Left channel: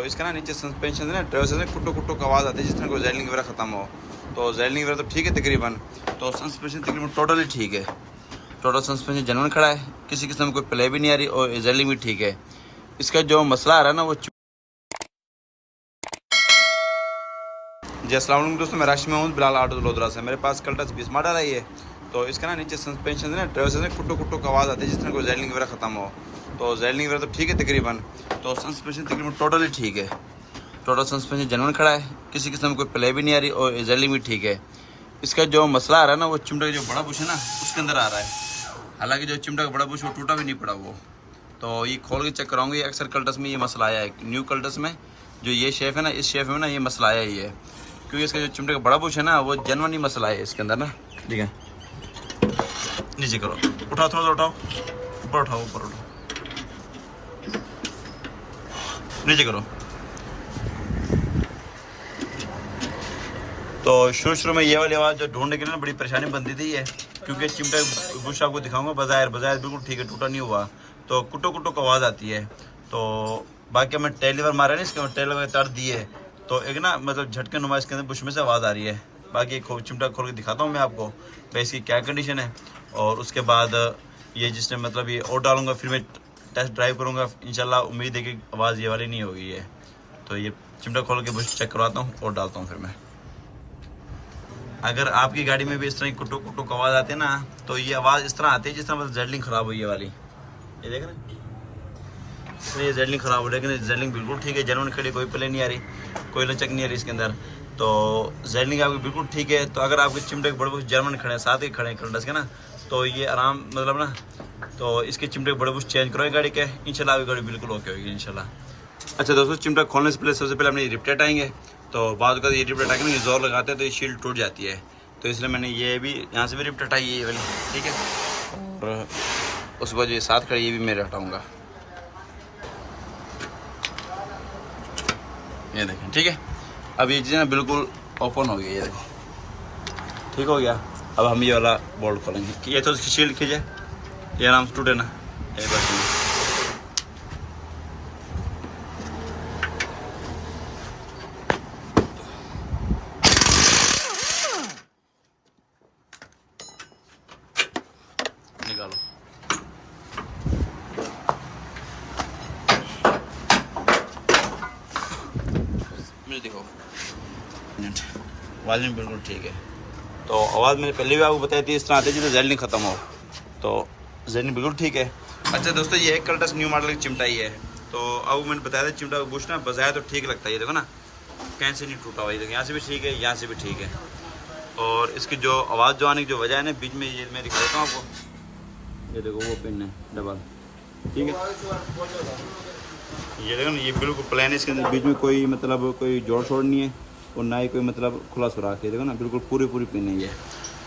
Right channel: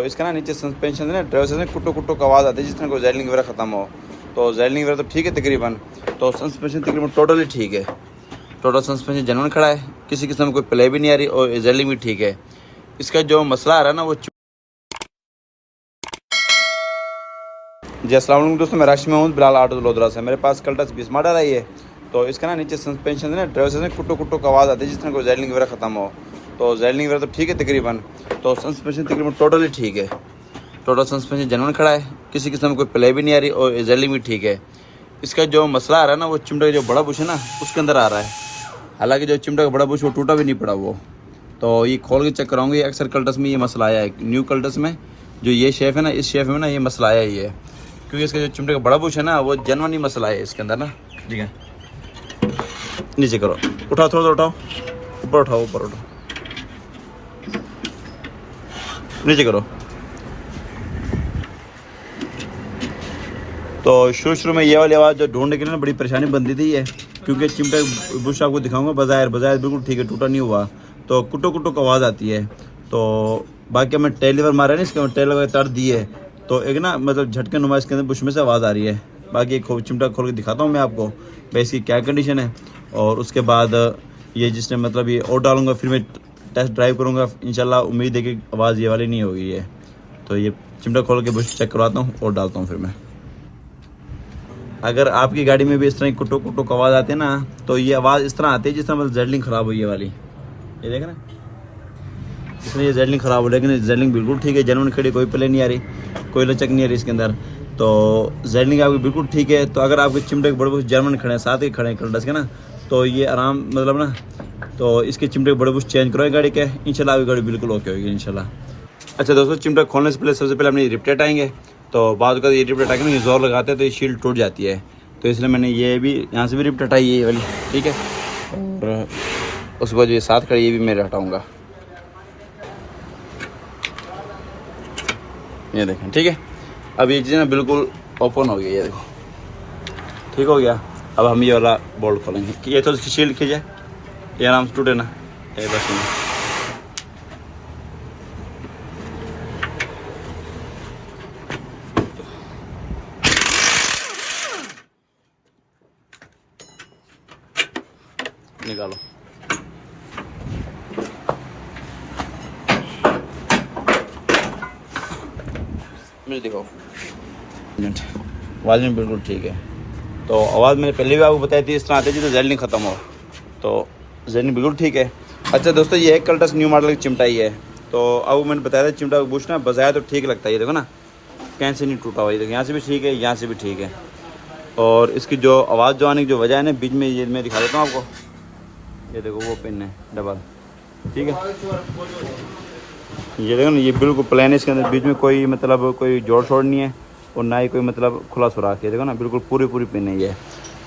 तो इसका ना नीचे सस्पेंशन है ना, ड्राइवर से कुट्टो कुट्टो का आवाज़ आती है, जिस तरह कोई जैलिंग वगैरह खत्म हो। तो जैलिंग वगैरह तो ठीक है तकरीबन, तो सस्पेंशन तकरीबन टोटली ठीक है। टोटल सस्पेंशन जेन्युइन खड़ा है, किसी किस्म में कोई प्ले भी नहीं आ रही और जैलिंग भी ठीक है। इसका जो मसला आ रहा है ना वो जी अस्सलाम वालेकुम दोस्तों, मैं राशि महमूद बिलाल ऑटो लोधरा से। मेरे पास कल्टस 20 मॉडल आई है। तो इसका ना नीचे सस्पेंशन है ना, ड्राइवर से कुट्टो कुट्टो का आवाज़ आती है, जिस तरह कोई जैलिंग वगैरह खत्म हो। तो जैलिंग वगैरह तो ठीक है तकरीबन, तो सस्पेंशन तकरीबन टोटली ठीक है। टोटल सस्पेंशन जेन्युइन खड़ा है, किसी किस्म में कोई प्ले भी नहीं आ रही और जैलिंग भी ठीक है। इसका जो मसला आ रहा है ना वो चिमटा का जो बड़ा बुश है ना उसके अंदर आ रहा है। हालांकि जो चिमटा का बड़ा बुश वो टूटा भी नहीं पड़ा वो। तो ये खोल के चेक कराऊंगी। अक्सर कल्टस में ये मसला आया है, न्यू कल्टस में जो ये शेफ है ना, इस शेफ में ना ये मसला आया ही है, क्योंकि इसका जो चिमटे का बड़ा बुश है ना वो जेन्युइन ही मसला है इसके अंदर ना। ठीक है, नीचे करो, उठाओ, थोड़ा सा उठाओ, ऊपर उठाओ, ऊपर उठाओ, नीचे करो। तो शुरू में ये वाली आवाज़ जो ढूंढने के लिए ना बड़ी परेशानी बनती थी है, क्योंकि चिमटे बुश आपको दिखाऊंगा, बाज़ाहिर बिल्कुल ठीक है, टूटा नहीं हुआ। तो कुट्टो कुट्टो की आवाज़ आती है। तो बाकी हमें टेलीवर मारा नहीं, इसके टेल वगैरह तर दी है, तो एक ना मतलब झटके नुमा इसके अंदर बुश में से आवाज़ आ रही है। बाकी चिमटा खोल के दिखाता हूँ मैं आपको भाई इसकी क्या कंडीशन है। और उसके बाद ये जिसने मतलब ये और डालूंगा, फिर मैं टेस्ट ड्राइव करूँगा इंशाल्लाह। उम्मीद है कि आवाज़ ये वाली नहीं होगी है। तो ये चिमटा खोल के बुश चेक करवाता हूँ और डालता हूँ फिर मैं। अगर आपकी गाड़ी में भी इस तरह कुट्टो कुट्टो की आवाज़ आती है ना, तो ये आवाज़ इस तरह आती है जिस तरह मतलब जेडलिंग ख़राब हुई है वाली। ये देख रहे हैं, इसमें ये जेडलिंग ख़राब हो, लेकिन जेडलिंग बिल्कुल ठीक है, जेन्युइन खड़ी, कोई प्ले नहीं आ रही, कोई लचक नहीं आ रही इसके अंदर। तो जेडलिंग आपकी बिल्कुल ठीक है। तो अगर आपके चिमटे के बड़े बुश जेन्युइन खड़े हैं, साथ ही खड़े हैं कल्टस के ना, तो ये आराम मतलब ना, तो इसके चिमटे के बड़े बुश चेंज करो गाड़ी के, इंशाल्लाह आपकी गाड़ी बिल्कुल ओके होगी इंशाल्लाह। अच्छा दोस्तों, चिमटा खोलने से पहले सबसे पहले हमने रिप्लेट आएंगे। तो बाद का ये रिप्लेट आएंगे ना, ये जोर लगाते हैं तो ये शील्ड टूट जाती है, तो इसलिए मैंने ये भी यहाँ से भी रिप्ट हटाई ये वाली, ठीक है। और उसके बाद ये साथ खड़ी ये भी मैं हटाऊँगा, ये देखें, ठीक है। अब ये चीज़ ना बिल्कुल ओपन हो गई, ये देखो, ठीक हो गया। अब हम ये वाला बोल्ट खोलेंगे, ये तो इसकी शील्ड खींचे, ये आराम से टूटे ना, ये बस निकालो। मुझे दिखाओ, वॉल्यूम बिल्कुल ठीक है। तो आवाज़ मैंने पहले भी आपको बताई थी, इस तरह आती है जिससे जेडलिंग ख़त्म हो। तो जेडलिंग बिल्कुल ठीक है। अच्छा दोस्तों, ये एक कल्टस न्यू मॉडल की चिमटा ही है। तो अब मैंने बताया था चिमटा बुश ना बजाया तो ठीक लगता है, ये देखो ना कहीं से नहीं टूटा हुआ, ये देखो यहाँ से भी ठीक है, यहाँ से भी ठीक है। और इसकी जो आवाज़ जो आने की जो वजह है ना, बीच में ये मैं दिखा देता हूँ आपको, ये देखो वो पिन है डबल, ठीक है। ये देखो ना, ये बिल्कुल प्लेन है, इसके अंदर बीच में कोई मतलब कोई जोड़ छोड़ नहीं है और ना ही कोई मतलब खुला सुराख है। देखो ना बिल्कुल पूरी पिन है ये।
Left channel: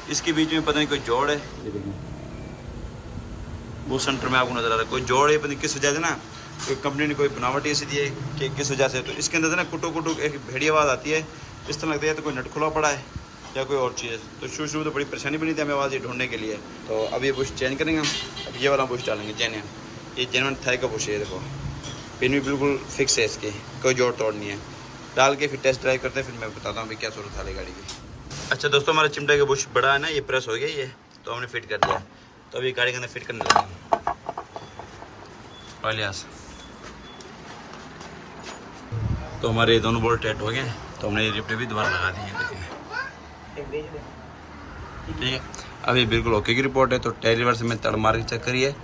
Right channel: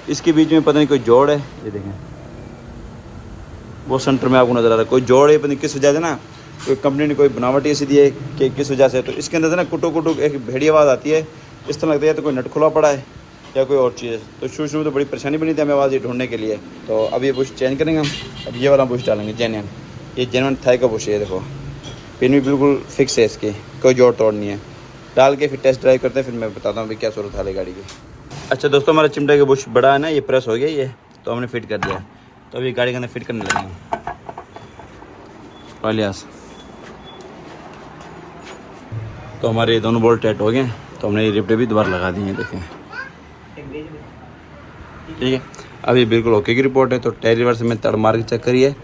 इसके बीच में पता नहीं कोई जोड़ है, ये देखें वो सेंटर में आपको नज़र आ रहा है, कोई जोड़ है, पता नहीं किस वजह से ना, कोई कंपनी ने कोई बनावटी ऐसी दी है कि किस वजह से। तो इसके अंदर से ना कुटो कुटो एक भेड़ी आवाज़ आती है, इस तरह लगता है तो कोई नट खुला पड़ा है या कोई और चीज़ है। तो शुरू में तो बड़ी परेशानी बनी थी हमें आवाज़ ये ढूंढने के लिए। तो अब ये बुश चेंज करेंगे हम, अब ये वाला बुश डालेंगे जेन्युइन, ये जेन्युइन थाई का बुश है, देखो पिन भी बिल्कुल फिक्स है, इसकी कोई जोड़ तोड़ नहीं है। डाल के फिर टेस्ट ड्राइव करते हैं, फिर मैं बताता हूँ क्या सूरत हाल है गाड़ी की। अच्छा दोस्तों, हमारा चिमटे का बुश बड़ा है ना, ये प्रेस हो गया ये, तो हमने फिट कर दिया। तो अभी गाड़ी के अंदर फिट करने लगे पहले। तो हमारे दोनों बोल्ट टाइट हो गए, तो हमने ये रिप्टे भी दोबारा लगा दिए हैं, देखें, ठीक है। अभी बिल्कुल ओके की रिपोर्ट है। तो टायर रिवर्स में तड़ मार के चेक करिए,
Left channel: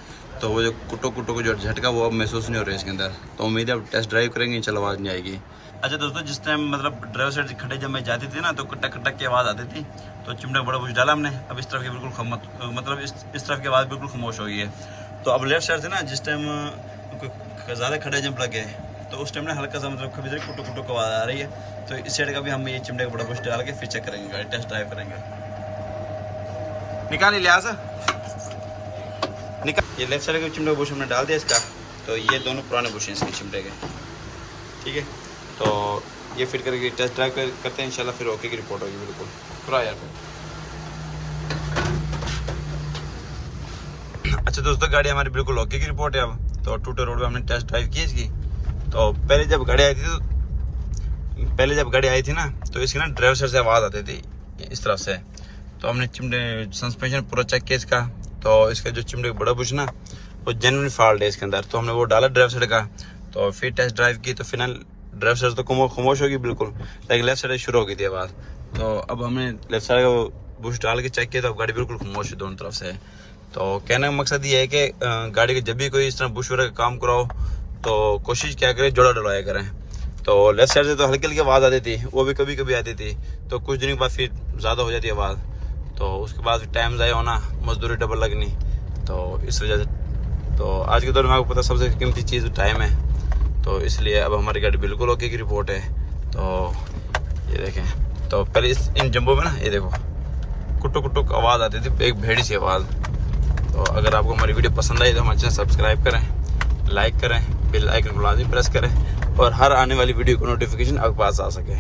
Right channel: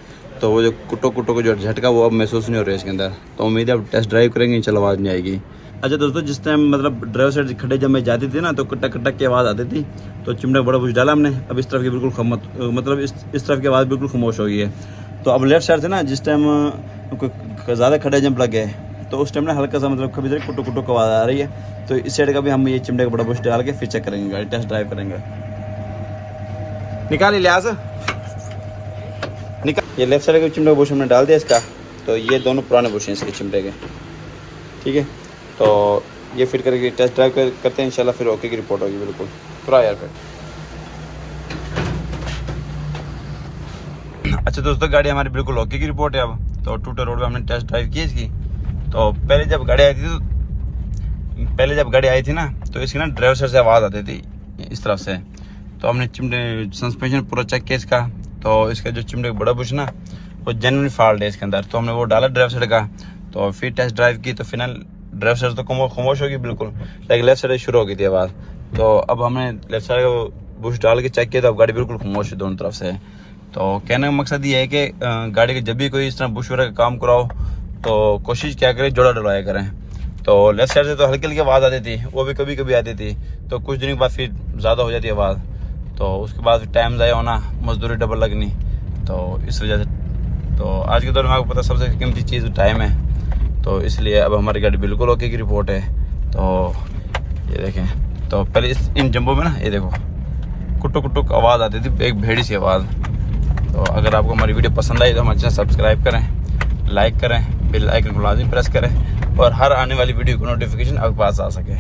तो वो जो कुट्टो कुट्टो को जो झटका वो अब महसूस नहीं हो रहा है इसके अंदर। तो उम्मीद है अब टेस्ट ड्राइव करेंगे इंशाल्लाह आवाज़ नहीं आएगी। अच्छा दोस्तों, जिस टाइम मतलब ड्राइवर साइड खड्डे जब मैं जाती थी ना, तो कटक कटक की आवाज़ आती थी। तो चिमटा बड़ा बुश डाला हमने, अब इस तरफ की बिल्कुल मतलब इस तरफ की आवाज़ बिल्कुल खामोश हो गई है। तो अब लेफ्ट साइड से ना जिस टाइम ज़्यादा खड्डे जंप लग गए, तो उस टाइम ना हल्का सा मतलब कभी कुट्टो कुट्टो की आवाज़ आ रही है। तो इस साइड का भी हम ये चिमटे का बड़ा बुश डाल के फिर चेक करेंगे, गाड़ी टेस्ट ड्राइव करेंगे। निकाल लिहाज निकाल, ये लेफ्ट साइड का चिमटे का बुश हमने डाल दिया इसका। तो ये दोनों पुराने बुश हैं इसके चिमटे के, ठीक है। तो ये फिट करके टेस्ट ड्राइव करते हैं इंशाल्लाह, फिर ओके की रिपोर्ट होगी बिल्कुल पूरा यार फिर। अच्छा दोस्तों, गाड़ी हमारी बिल्कुल ओके की रिपोर्ट है अब। तो टूटे रोड पे हमने टेस्ट ड्राइव की इसकी, तो पहले जब गाड़ी आई थी ना तो इसकी ना ड्राइवर साइड से आवाज़ आती थी इस तरफ से। तो हमने चिमटे सस्पेंशन पूरा चेक किया इसका, तो इसका जो चिमटे का बड़ा बुश ना वो जेन्युइन फॉल्ट है इसके अंदर। तो हमने वो डाला ड्राइवर साइड का, तो फिर टेस्ट ड्राइव की तो फिलहाल ड्राइवर साइड तो खामोश होगी बिल्कुल, लेकिन लेफ्ट साइड शुरू हो गई थी आवाज़। तो अब हमने लेफ्ट साइड का बुश डाल के चेक किया तो अब गाड़ी बिल्कुल खामोश है दोनों तरफ से। तो कहने का मकसद ये है कि गाड़ी के जब भी कोई इस तरह बुश वगैरह का काम कराओ तो कोशिश क्या करें, जोड़ा डलवाया करें। तो लेफ्ट साइड से तो हल्की हल्की आवाज़ आती थी, वो भी कभी कभी आती थी, तो कुछ दिनों के बाद फिर ज़्यादा हो जाती आवाज़। तो उसके बाद फिर टाइम ज़ाया होना, मजदूरी डबल लगनी, तो इस वजह से तो आज के दौर में आपको पता सबसे कीमती चीज़ टाइम है। तो इसलिए अब हमारी गाड़ी बिल्कुल ओके की रिपोर्ट है। तो ये देखें, तो पहले इन जंबों में ना ये देखो कुटुक कुटुक आवाज़ आती थी, एक भेड़ी सी आवाज़। तो अगर आपको हमारी वीडियो पसंद आई तो हमारे चैनल सब्सक्राइब करें, लाइक करें, बेल आइकन को लाजमी प्रेस करें और हर आने वाली वीडियो को नोटिफिकेशन आपके पास आ सके।